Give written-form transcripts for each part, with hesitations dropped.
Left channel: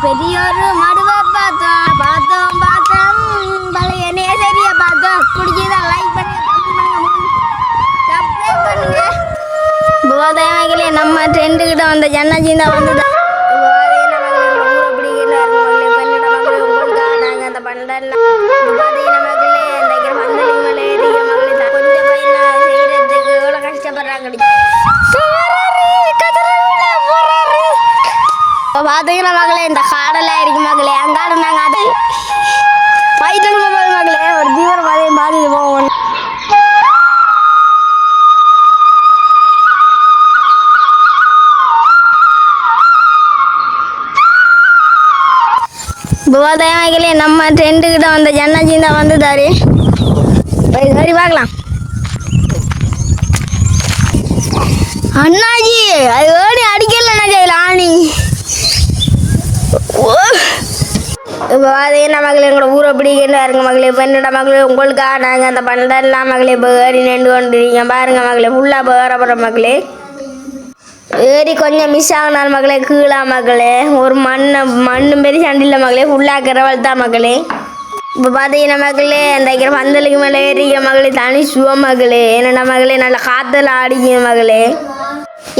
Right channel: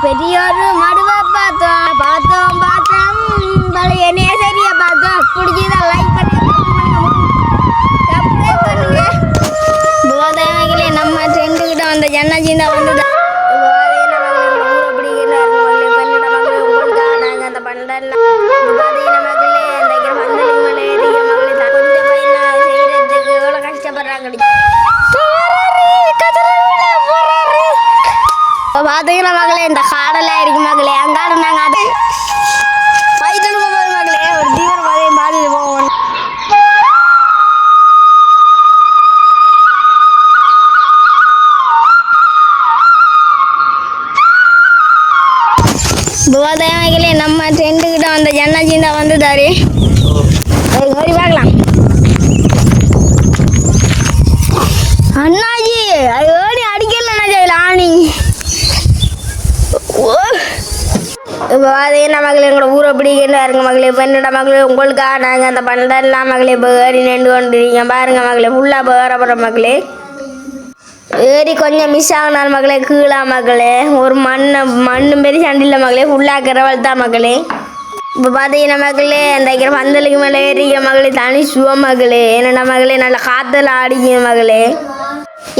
பெரியோரு மடுவை பார்த்தோம் பார்த்தோம் பார்த்தோம் பழைய நேசரிய பார்த்தோம் பிடிச்சதா லைக் பண்ணுங்க சப்ஸ்கிரைப் பண்ணுங்க. போதையிலே நம்ம ட்ரெண்டுக்கிட்ட வந்த ஜன்னஜிந்தா வந்து அந்த பண்டெல்லாம் பார்த்தீங்கன்னா மகளே இந்த காடெல்லாம் இருக்கு மகளே அங்காடு நாங்கள் அது மகளே ஒரு தீவிர மகளை மாதிரி போவோம். போதையிலே நம்ம ட்ரெண்டுக்கிட்ட வந்த ஜன்னஜிந்தா வந்து தாரு சரி பார்க்கலாம். அண்ணாஜி அது ஏணி அடிக்கல அண்ணாஜி ஆணி இப்போ பார்த்தீங்கன்னா மகளே எங்களோட ஊரை பிடிக்கிறாருங்க மகளே பெண்ணோட மகளே உங்களுக்காக நாங்கள் அந்த பண்டெல்லாம் மகளே இப்போ ஏறி நின்று கொண்டுருக்கீங்க பாருங்க மகளே ஃபுல்லாக இப்போ ஏறப்படுற மகளே ஏறி கொஞ்சம் மிஸ் ஆகினார் மகளே கீழா மகளே ஒரு மண்ணும் பெரிய சண்டில் மகளே ஃபுல்லாக கிரவல் தான் மகளே. இப்போ பார்த்தீங்கன்னா மகளே அந்த பந்தலுக்கு மேலே ஏறிக்க மகளே தனி சுவ மகளே என்னென்ன மகளே நல்லா காற்றுல ஆடிக்க மகளே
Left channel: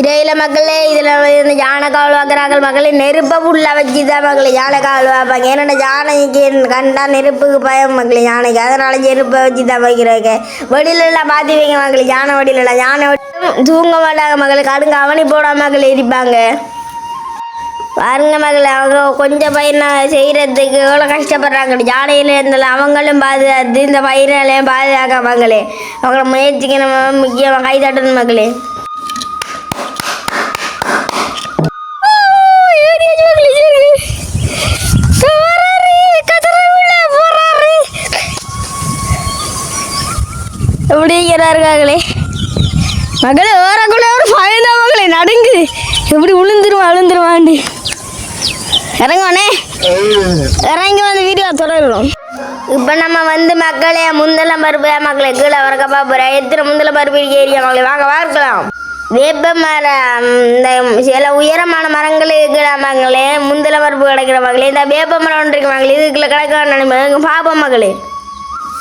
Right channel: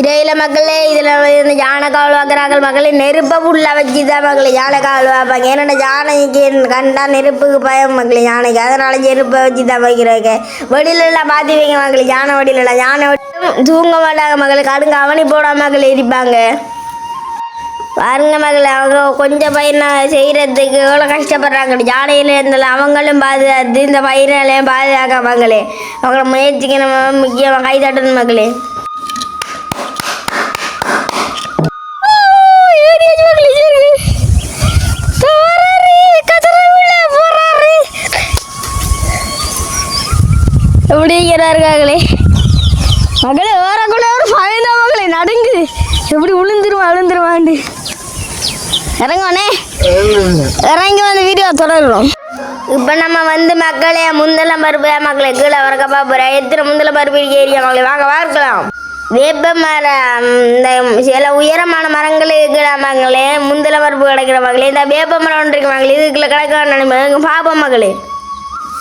இடையில மக்களே இதில் யானை காவல் பார்க்குறாங்க மகளே நெருப்பை ஃபுல்லாக வச்சு தான் மகளே யானை காவல் பார்ப்பாங்க. ஏன்னா யானைக்கு கண்டா நெருப்புக்கு பயம் மக்களே யானைக்கு அதனால நெருப்பை வச்சு தான் வைக்கிறாங்க. வெடிலெல்லாம் பார்த்து வைங்க மகளே யானை வெடிலெல்லாம் யானை தூங்க மாட்டாங்க மகளே கடுங்க அவனி போடாம மகளே இருப்பாங்க பாருங்க மகளே அவங்க கொஞ்சம் பயிரை செய்கிறதுக்கு எவ்வளோ கஷ்டப்படுறாங்க யானையில இருந்தாலும் அவங்களும் பாதுகாத்து இந்த பயிரெல்லாம் பாதுகாக்க மகளே அவங்கள முயற்சிக்கு நம்ம முக்கியமாக கை தட்டணும் மகளே. எப்படிங்கிறார்களே மகளே ஓரக்குள்ள ஒரு பயந்தா மகளே நடுங்கு எப்படி விழுந்துருவாண்டு இறங்குவானே இறங்கி வந்து வீடியோ தொடரும். இப்போ நம்ம வந்து மக்களே முந்தல பருப்பு மக்களை கீழே வரக்க பார்ப்போம் எத்தனை முந்தல பருப்பு ஏரியா மக்களை வாங்க பார்க்கலாம். வேப்ப மரம் இந்த சில உயரமான மரங்கள் இருக்கிற மகளே முந்தல பருப்பு கிடைக்கிற மகளே இந்த வேப்ப மரம் ஒன்று இருக்கு மகளே இதுக்குள்ள கிடைக்க பார்ப்போம் மகளே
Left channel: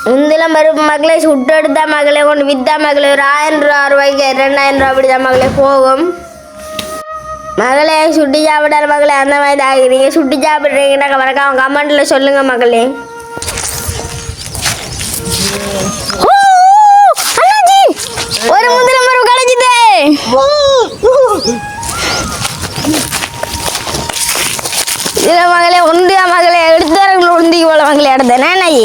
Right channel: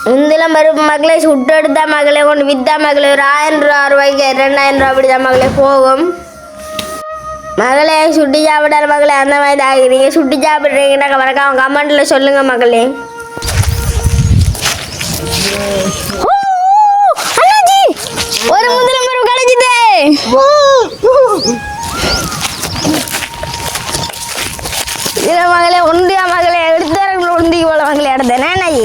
முந்தில மறுப்பு மகளே சுட்டு எடுத்தா மகளே கொண்டு விற்றா மகளே ஒரு 1000 ரூபாய்க்கு 2000 ரூபா அப்படிதான் மகளே போகும் மகளே சுட்டி சாப்பிடாத மகளே அந்த மாதிரி தான் ஆகிறீங்க சுட்டி சாப்பிட்றீங்கன்னாக்க மறக்காம கமெண்ட்டில் சொல்லுங்கள் மகளே. ஒரு முந்தில மரம் கிடைச்சிது இல்லை மகளே உண்டியா மகளே எடுத்தாரங்களை உண்டிக்கு போல மகளே எடுத்தேன் நானாயி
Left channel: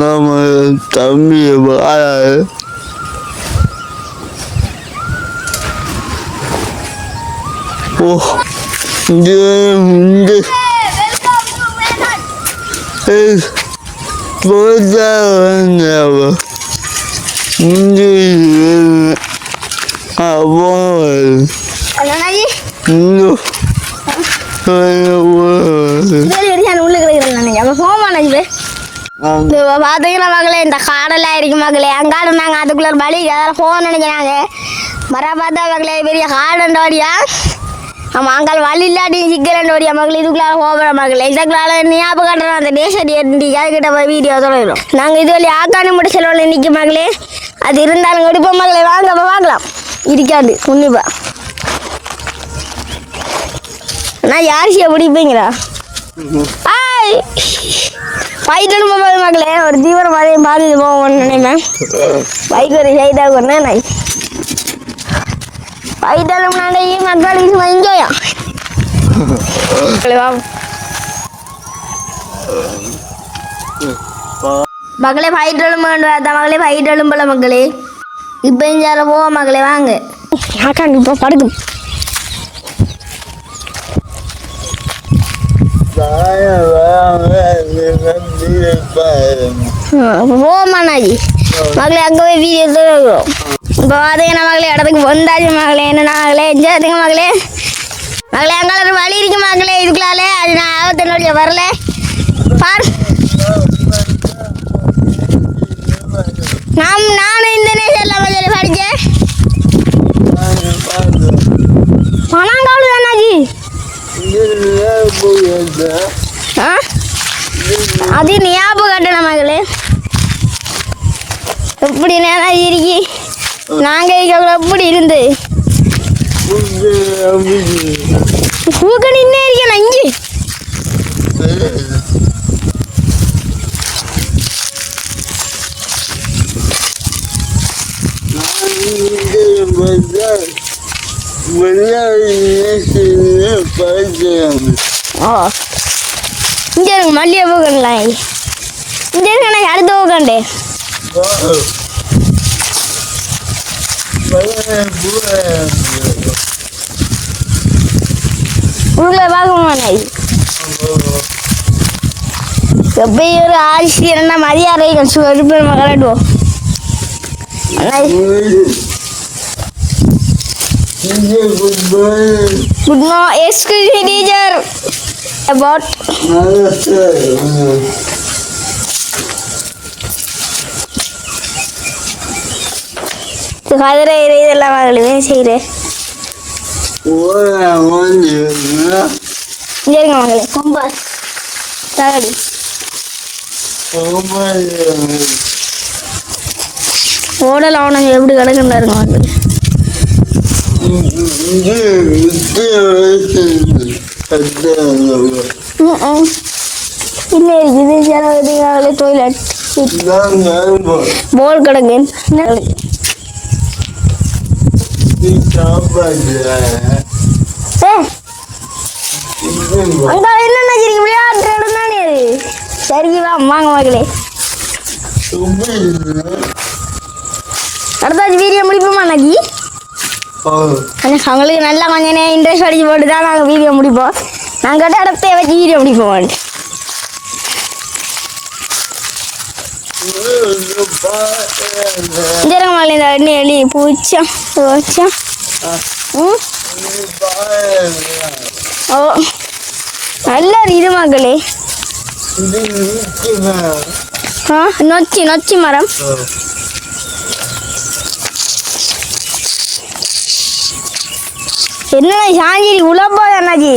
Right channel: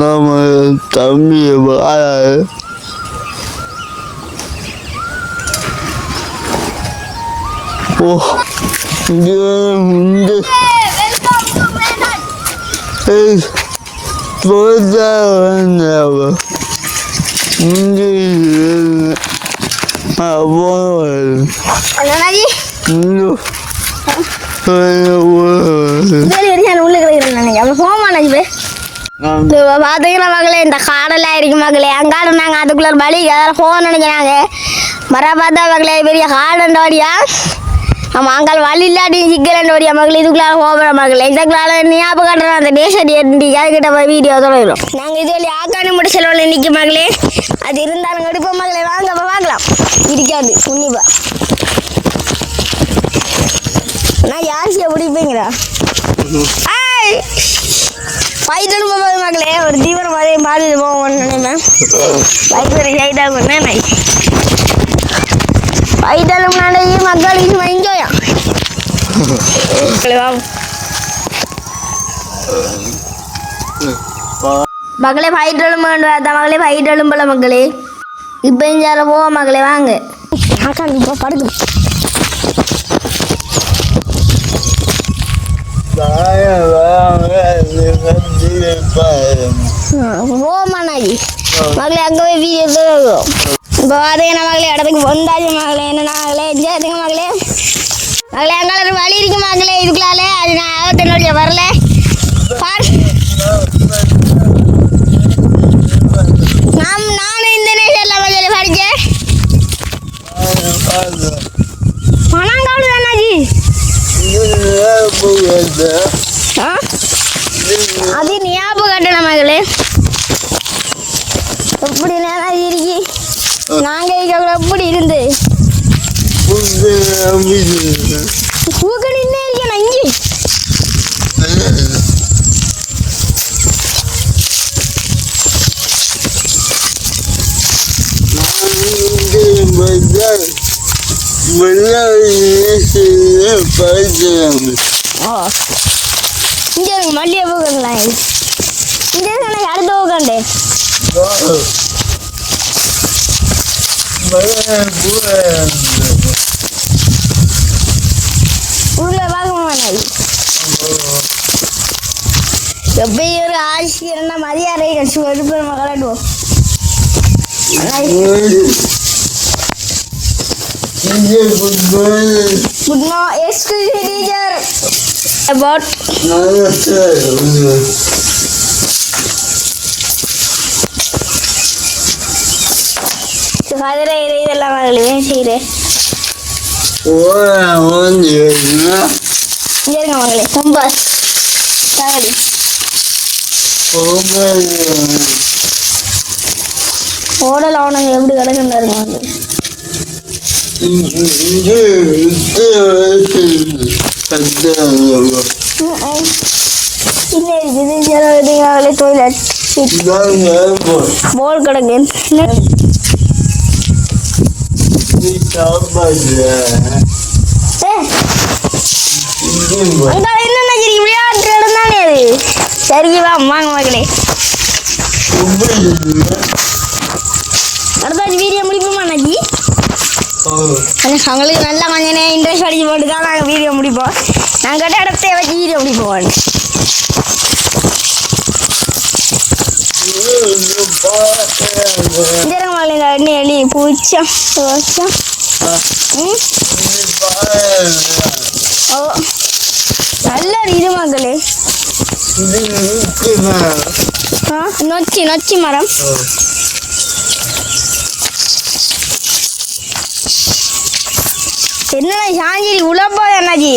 நம்ம தம்பி பார்த்தீங்கன்னா மகளே இந்த காடெல்லாம் இருக்கு மகளே அங்காடு நாங்கள் அதுக்குள்ள பலி அதெல்லாம் போக நினைக்கிறாங்க மர பார்த்தா மகளே பெரிய காடண்டோடியா ஆமாம் அங்கால வழி இல்லாட்டி சிக்கலண்டோடியா மகளே இதுக்குள்ள போகிற மகளே இதுக்குள்ள ஞாபகம் காட்டுறோம் அந்த டேசடி அதுக்கிட்ட போய் வீடியோ தொடரும். நாங்கள் இது வழி ஆக்கானு மட்டும் செலவில் நிற்க மகளே அது இருந்தாலும் எடுப்போம் மகளே வாங்க அப்போ பார்க்கலாம் இருக்காது உன்னிப்பா நான் யாரிசியை பிடிப்பீங்களா பைத்தலும் போகும்போது மகளே ஒரு தீவிரம் அதே மாதிரி போவோம்னு நினைப்பேன் பைத்தொரு சைடாக ஒன்றே நான் பைத்தலும் நடையே மக்களுக்கு மஞ்சோயா மகளே பைத்தலும் அதான் மகளே பைத்தலும் போல மக்களே இப்போ இஞ்சால போவ மகளே வாங்க இப்போ படுக்கு போமாண்ணாஜி மகளே அங்கே போய் வீடியோ தொடரும். இப்போ பார்த்தீங்கன்னா மகளே இடத்துக்கு வந்தாச்சு மகளே என்னன்னா மகளே எஞ்சாதுங்க மகளே மகளே அங்கே ஒரு வழி இருக்கு மகளே இதுக்குள்ளாலே அது நான் ஆகத்தினுடைய வரல பாரு நானும் இந்த நேசரில் மகளே படித்தேன் ஆ அது ஞாபகம் கட்டணம் மகளே எப்படி நேரம் இருக்கி நாங்கள் எப்படி இருந்து பூக்க நின்னே இருக்கேன் அங்கே ஓ இங்கே இருக்கு மல்லிகை பூக்கெல்லாம் இங்கே இருக்கு எனக்கு அடுத்த பூக்கண்டே உள்ள பார்க்கணுமா எப்படி ஒரு ஆட்சி என்ன மரியாதை இருப்பேன் மகளிடுவோம் Good morning, excuse me, teacher. About father, இதெல்லாம் வாங்கலையே செய்கிறேன் சரிங்க மகளே கொம்பாஸ் நாகடி ஓடல் அவனை எப்படி கிடக்குன்னா இருக்கு மகளே இல்லை இது சில டொய்லெட் போல் கிடக்கு என்னென்ன விளையாட்டு இடம் தானே அது சரி வா வாங்க மகளே அடுத்தாச்சு வீடியோ முடிப்போமா அண்ணாச்சி அவங்களுக்கு நல்லா கொஞ்சம் இன்ட்ரெஸ்ட் அடிச்சு போட்டு தான் நாங்கள் வீடியோ முடிப்போம் நாங்கள் கேட்ட இடத்த வச்சு வீடியோ முடிப்போம் ஜெரமாலை இந்த எண்ணி பூச்சம் பூச்சம் ஓ நல்ல இது மகளே ஆ நொச்சி நொச்சி மரம் என்ன சாஞ்சிரி உழப்பா அண்ணாஜி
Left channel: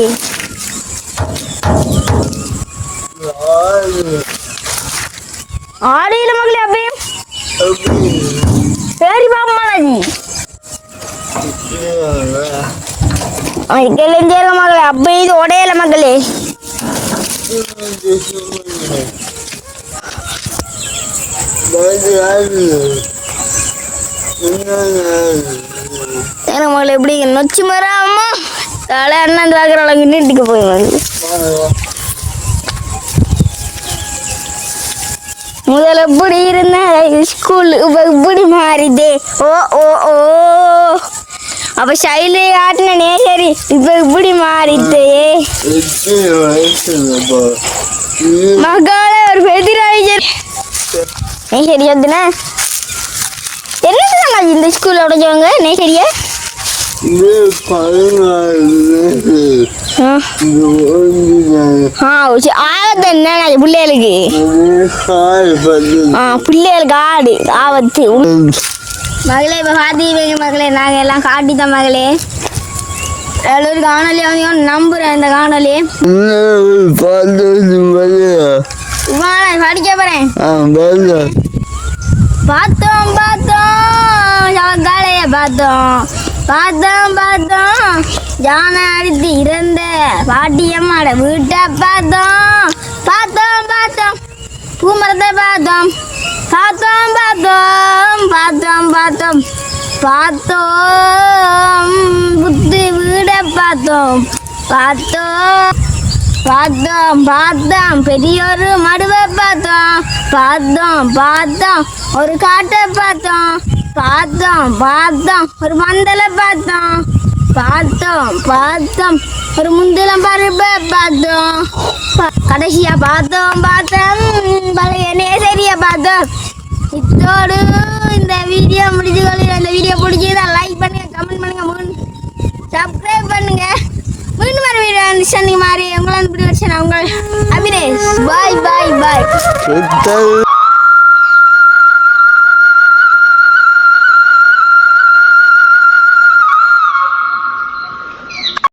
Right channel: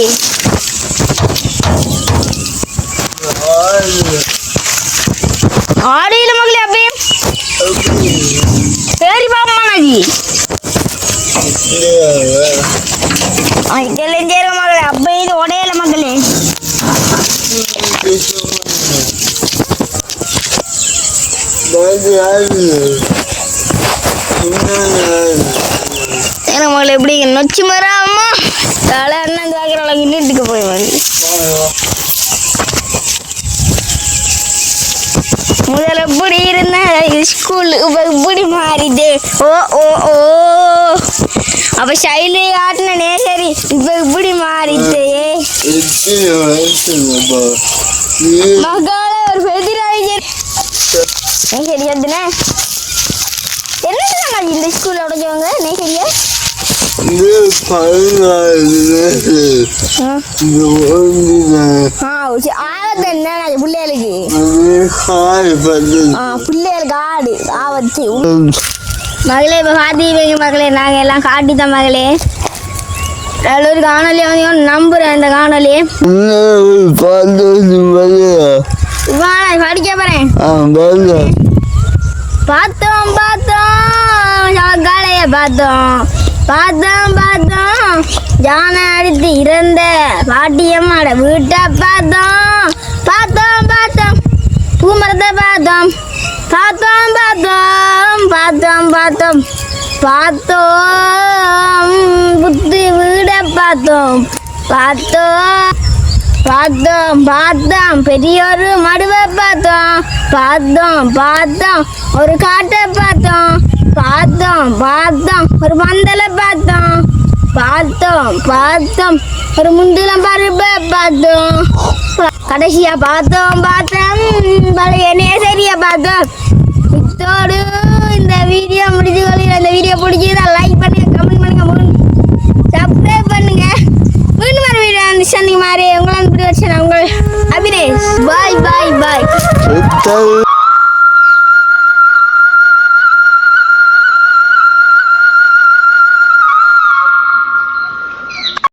ஆடு இல்லை மகளே அப்பயே சரி பாப்பா அண்ணாஜி இதெல்லாம் சேருங்க மகளே அப்பயே இது உடையல மகளே ஏன்னா மகளை எப்படி நொச்சி மராமா தலை அண்ணன் பார்க்குற அளவுக்கு நீட்டுக்கு போயிடுவாங்க முதல்ல எப்படி இருந்தேன் ஸ்கூல் இப்படி மாறிதே ஓ ஓ ஓ அப்போ சைலு ஆட்டினே சரி இப்போ இப்படி மாறிதே மகளே ஒரு பெதிராஜர் நீ சரியா என்ன இந்த ஸ்கூல்ல உடைஞ்சவங்க நீ சரியா பிள்ளைகளுக்கு பிள்ளைகளுக்கு ஆடு ஆபத்து மகளே இப்போ காட்டிங்க மகளே நாங்கள் எல்லாம் காட்டித்தான் மகளே ஒரு காணொலி வந்து நம்புறேன் இந்த காணொலி படிக்க போறேன் பார்த்தோம் பார்த்தோம் காளைய பார்த்தோம் பார்த்தோம் பார்த்தோம் ஜானை அடித்து இறந்த பாட்டியம்மாட வீட்டை பார்த்தோம் பார்த்தோம் பார்த்தோம் பூமரத்தை பார்த்தோம் பார்த்தோம் பார்த்தோம் பார்த்தோம் பார்த்தோம் பார்த்தோம் புத்தி வீடை பார்த்தோம் பார்த்தோம் பார்த்தோம் பார்த்தோம் பெரியோரு மடுவை பார்த்தோம் பார்த்தோம் பார்த்தோம் ஒரு காட்டை பார்த்தோம் பார்த்தோம் பார்த்தோம் ஒரு மந்தலை பார்த்தோம் பார்த்தோம் பார்த்தோம் ஒரு முந்திலம் பருப்பை பார்த்தோம் கடைசியா பார்த்தோம் பார்த்தோம் பழைய நேசரியை பார்த்தோம் இத்தோடு இந்த வீடியோ முடிஞ்சு கொள்கிறேன். இந்த வீடியோ பிடிச்சதா லைக் பண்ணுங்க, கமெண்ட் பண்ணுங்க, சப்ஸ்கிரைப் பண்ணுங்க. மீண்டும் வர வீடியோ சனி மாதிரி உங்களை இப்படி வச்சு நான் உங்கள் அபினேஷ். பாய் பாய் பாய்.